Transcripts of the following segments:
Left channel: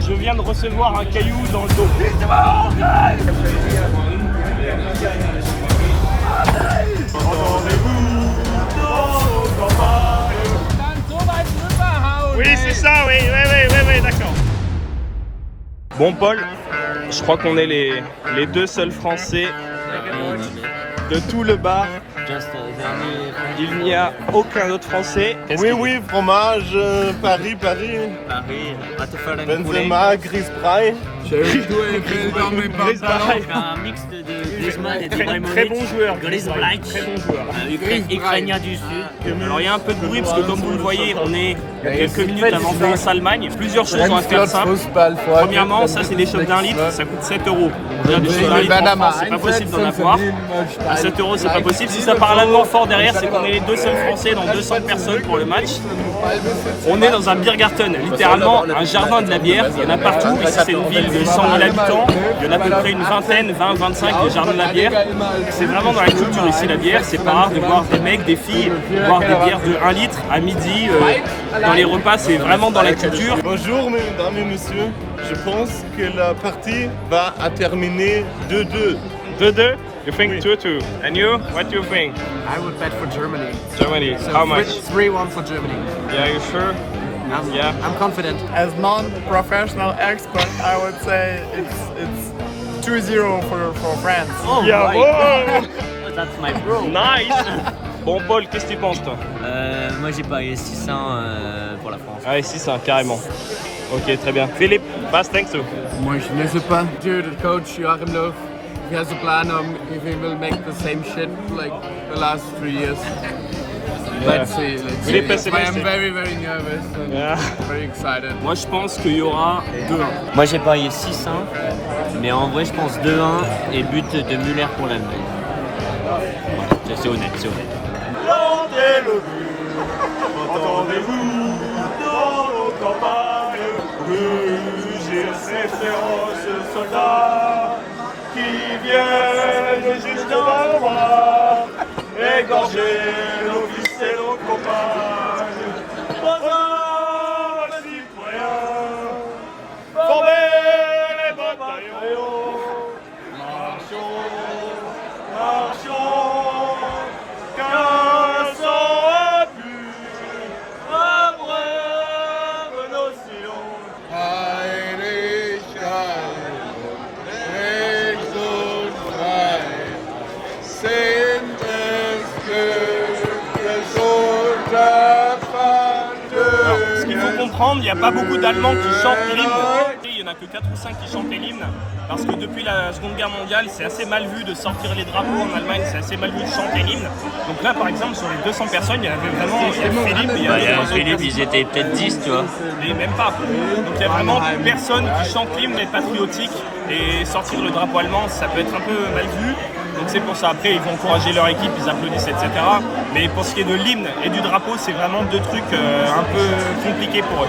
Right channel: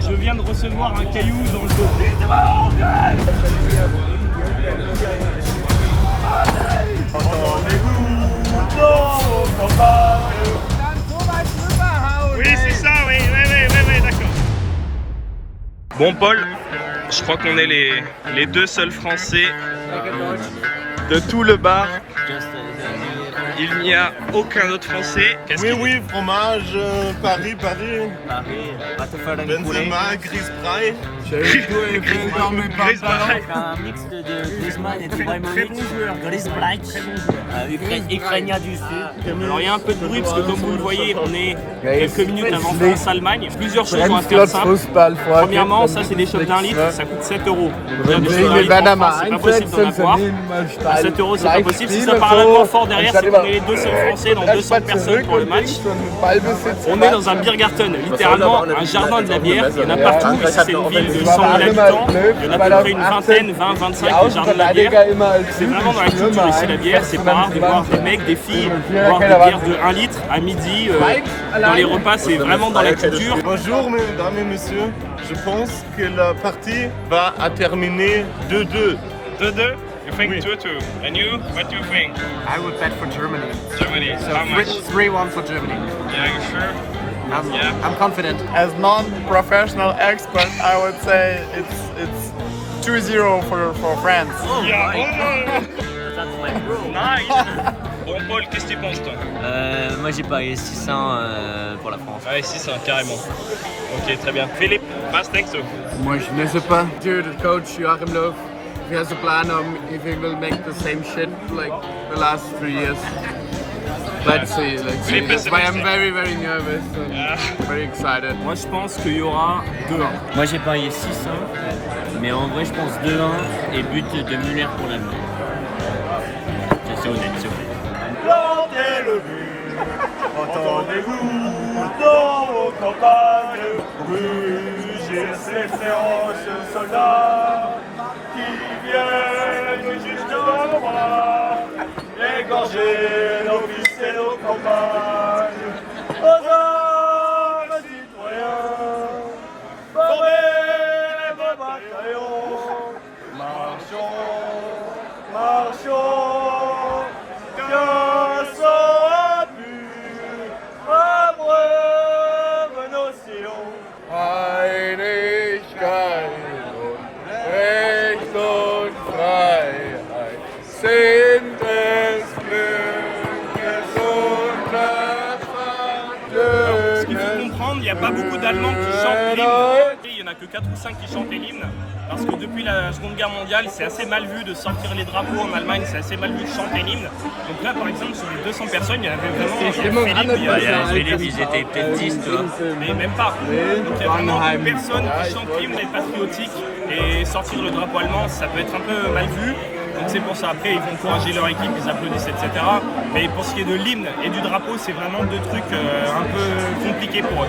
Je viens de recevoir un caillou dans le dos. Oui, c'est ça, oui, d'accord. Bon, Paul, je crois qu'on est les deux seuls Français de tout le bar. Il n'y a aucun autre Français. Oui, fromage, Paris. Benzema, Griezmann. Un mix de Griezmann et d'Ibrahimovic. Très bon joueur. Griezmann, Ukrainien du Sud. Alors il y a un peu de bruit parce que comme vous le voyez, on est quelques minutes avant France-Allemagne. Plusieurs choses ont à faire simple. Premièrement, ça c'est des shops d'1 litre, ça coûte 7 €. Donc déjà des shops d'1 litre en France, c'est pas possible d'en avoir. À 7 € c'est pas possible. Si ça parle allemand fort derrière, c'est qu'on est les deux seuls Français dans 200 personnes pour le match. On est dans un Biergarten, littéralement un jardin de la bière. Il y en a partout. Ici c'est une ville de 100 000 habitants. Il y en a à peu près une vingtaine, 20, 25 des jardins de la bière. C'est vraiment dans la culture ici la bière. C'est pas rare de voir des mecs, des filles boire des bières de 1 litre à midi. Dans les repas, c'est vraiment dans la culture. Bonjour mesdames et messieurs. Je pense que la partie va terminer 2-2. 2-2? You think 2-2? And you? What do you think? I would bet for Germany. Germany. So How much? 3-1 for Germany. Yeah, you sure? Yeah. I'm confident. As non-professional expert, I would say it's 2-0 for France. Yeah, oh. That's my bro. Nice. Bon, Paul, qu'est-ce que tu penses, toi? Moi j'ai parié 600 pour la France. Ah, 600, carrément. Ok, très bien. Philippe, was denkst du? Moi, je ne sais pas. Dude, the coach Joachim Löw, he has a plan on if he will make the same shit like the last 3 years. Let's see. That's why I'm very nervous and very excited. Moi, je pense qu'il y aura 2-1. Moi j'ai parié 600, mais en vrai je pense 2-1 et but de Müller pour l'Allemagne. Voilà, c'est honnête, c'est honnête. Plantez le but, entendez-vous dans vos campagnes, rugir ces féroces soldats qui viennent jusque dans le roi, égorger nos fils et nos compagnes. Aux hommes citoyens, formez vos bataillons, marchons. Il n'y a pas beaucoup d'Allemands qui chantent l'hymne. Il n'y en a que 4 ou 5 qui chantent l'hymne. Parce que depuis la Seconde Guerre mondiale, c'est assez mal vu de sortir les drapeaux en Allemagne, c'est assez mal vu de chanter l'hymne. Donc là, par exemple, sur les 200 personnes, il y avait vraiment Philippe. Il y avait Philippe, ils étaient peut-être 10, tu vois. Mais même pas. Donc il y a vraiment personne qui chante l'hymne et patriotique. Et sortir le drapeau allemand, ça peut être un peu mal vu. Donc c'est pour ça, après ils vont encourager leur équipe, ils applaudissent, etc. Mais pour ce qui est de l'hymne et du drapeau, c'est vraiment deux trucs un peu compliqués pour eux.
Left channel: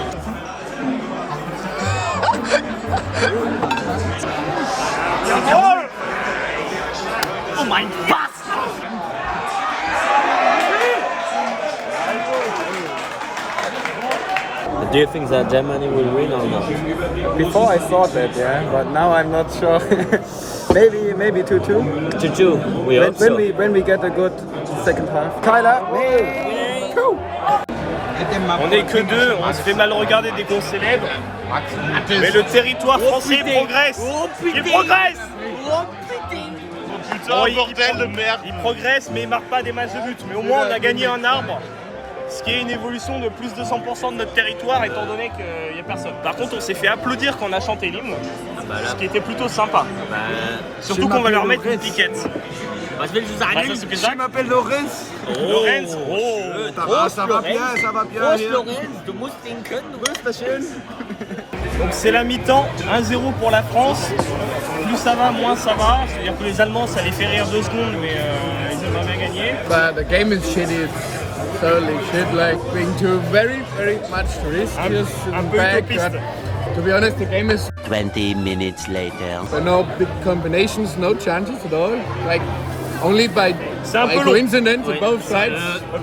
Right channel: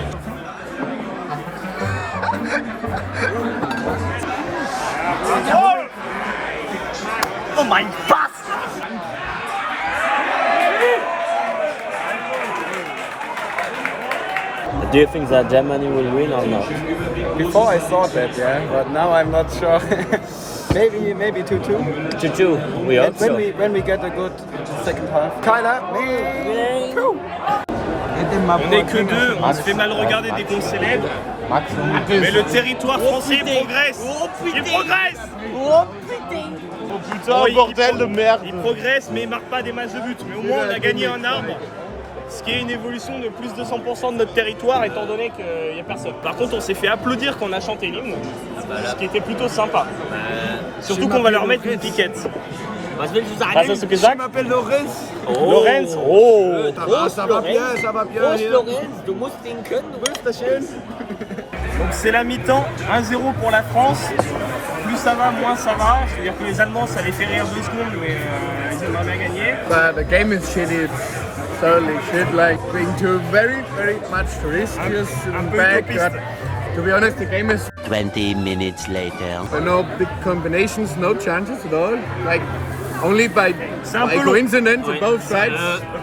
Oh my God! Do you think that Germany will win or not? Before I thought that, yeah, but now I'm not sure. Maybe 2-2. 2-2, we hope so. When we get a good second half. Kyler, On n'est que deux, on se fait mal regarder dès qu'on célèbre. Mais le territoire français progresse. Il progresse. Oh putain, bordel de merde. Il progresse mais il marque pas des masses de buts. Mais au moins on a gagné un arbre. Ce qui est une évolution de plus de 100% de notre territoire étant donné qu'il n'y a personne. Par contre on s'est fait applaudir quand on a chanté l'hymne. Ce qui était plutôt sympa. Surtout qu'on va leur mettre une piquette. Was willst du sagen? Je m'appelle Lorenz. Lorenz, Ça va bien hier. Lorenz, du musst ihn können, du wirst das schön. Donc c'est la mi-temps, 1-0 pour la France. Plus ça va, moins ça va. C'est-à-dire que les Allemands, ça les fait rire 2 secondes, mais ils aimeraient bien gagner. But the game is shitty. It's totally shit. Like being too very much risk just in the back. But to be honest, the game is 20 minutes later. there are no big combinations, no chances at all. Like only by peu coincidence on both sides.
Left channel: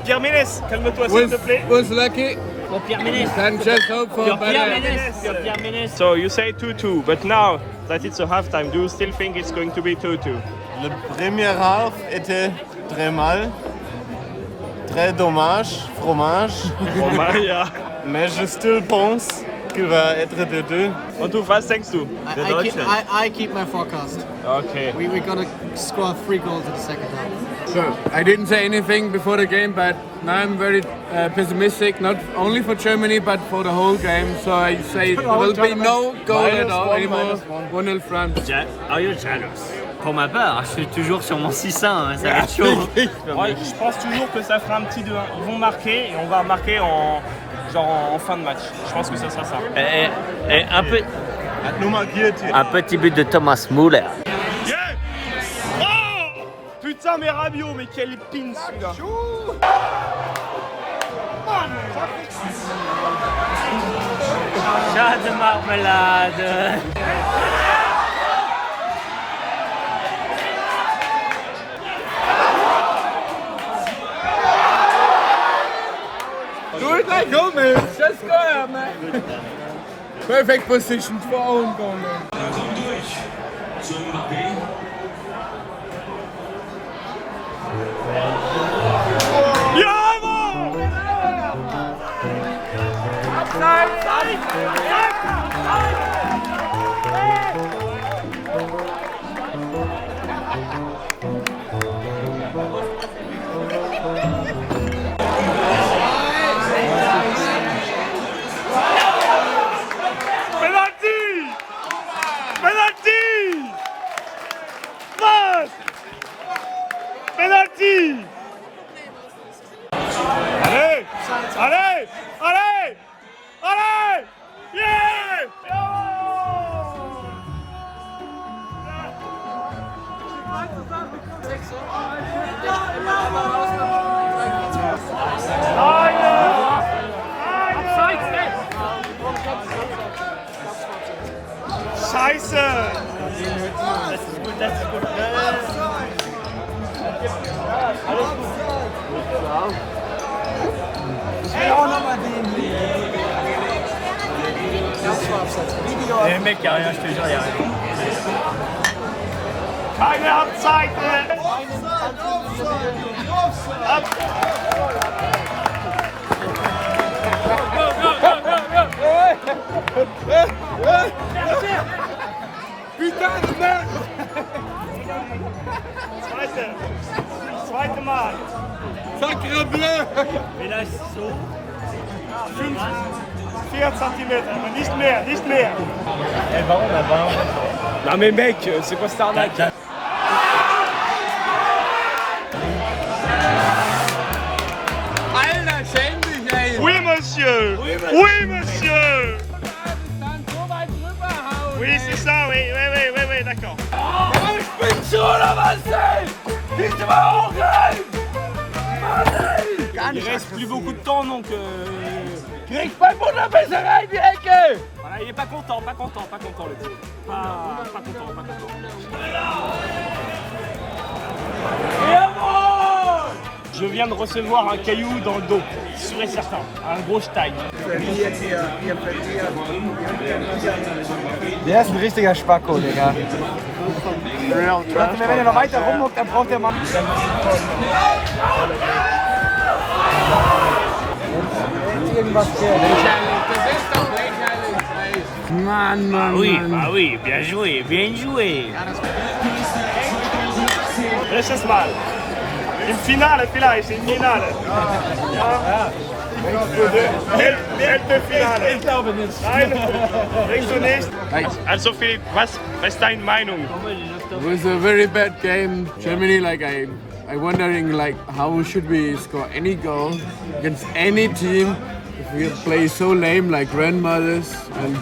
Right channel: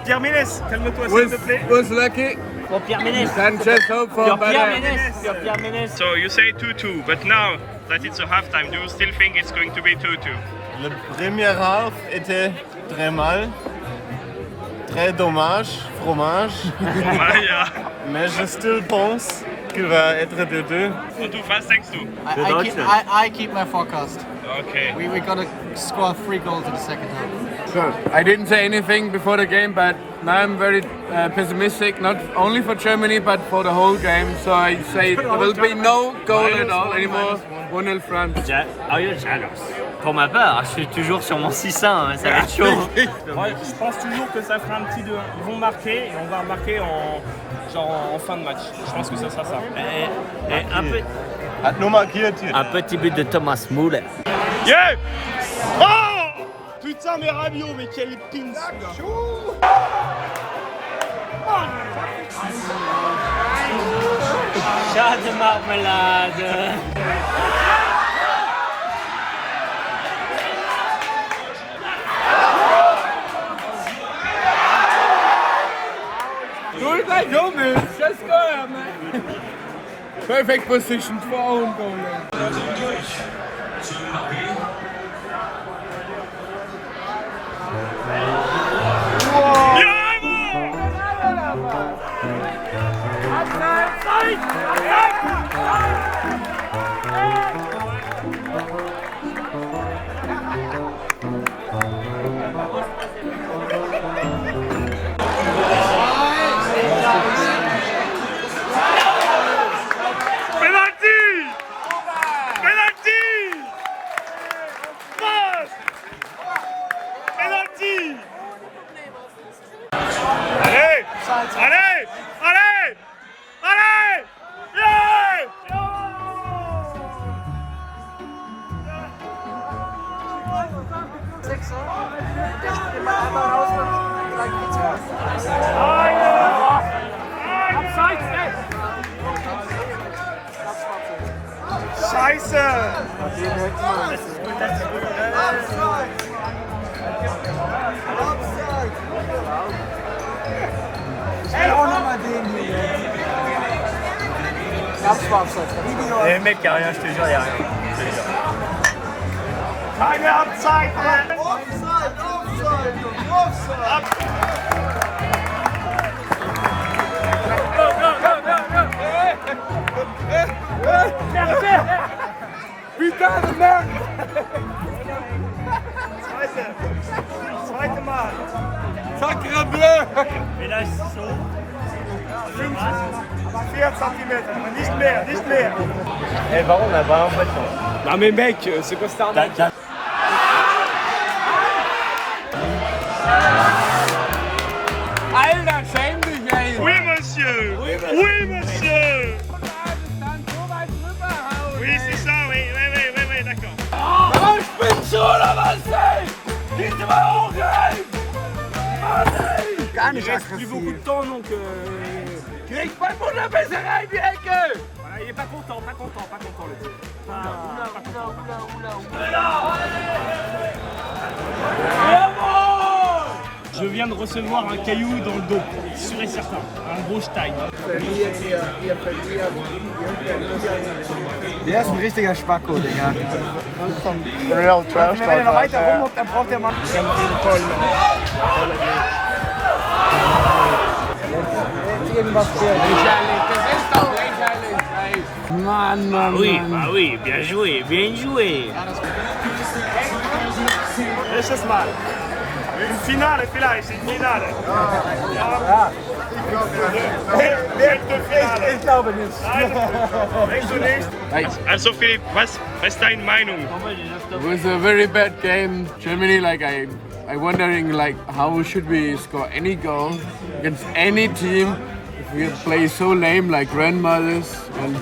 Pierre Ménès, calme-toi s'il te plaît. Was lucky. Pour Pierre Ménès. Can just hope for Pour Pierre better. Ménès. Pour Pierre Ménès. So you say 2-2, but now that it's a halftime, do you still think it's going to be 2-2? Le premier half était très mal, très dommage, fromage, mais je still pense qu'il va être 2-2. Und du, was denkst du? I keep my forecast. Okay. We gotta score 3 goals in the second half. So I didn't say anything before the game, but now I'm very pessimistic, not only for Germany but for the whole game. So I say there will be no goal at all anymore. 1-0 France. Are you jealous? Pour ma part, je suis toujours sur mon 6-1, hein, ça va être chaud. Ouais, je pense toujours que ça fera un petit 2-1. Ils vont marquer et on va marquer en fin de match. Je pense que ça sera ça. Et un petit but de Thomas Müller. Yeah! Oh! Putain, mais Rabiot, mais quel pin! Chat de marmelade. Do it like Gomez, just go out, man. Perfect position for own goal. Allez! Allez! Allez! Allez! Yeah! Scheiße! Les mecs, y'a rien, je te jure, y'a rien. Keine Abzeit! Zweite Mal. Sacre bleu! Mais là, c'est chaud. 4 cm, aber nicht mehr, nicht mehr. Non mais mec, c'est quoi cette arnaque? Alter, schäm dich, ey! Oui, monsieur. Oui, monsieur. Oui, c'est ça, oui, d'accord. Il reste plus beaucoup de temps donc. Voilà, il est pas content le type. Pas content. Je viens de recevoir un caillou dans le dos, sûr et certain, un gros Stein. Der ist ein richtiger Spacko, Digga. Wenn er noch weiter rummuckt, dann braucht der Mann. Irgendwas fehlt. Mann, Ah Mann, oui, Mann. bah oui, bien joué, bien joué. Welches Mal? Im Finale vielleicht, im Finale. Ich glaube nicht. Denkst du nicht? Also Philipp, was ist deine Meinung? It was a very bad game. Germany, like I wondering like how should we score any goal against any team if we play so lame like grandmothers, and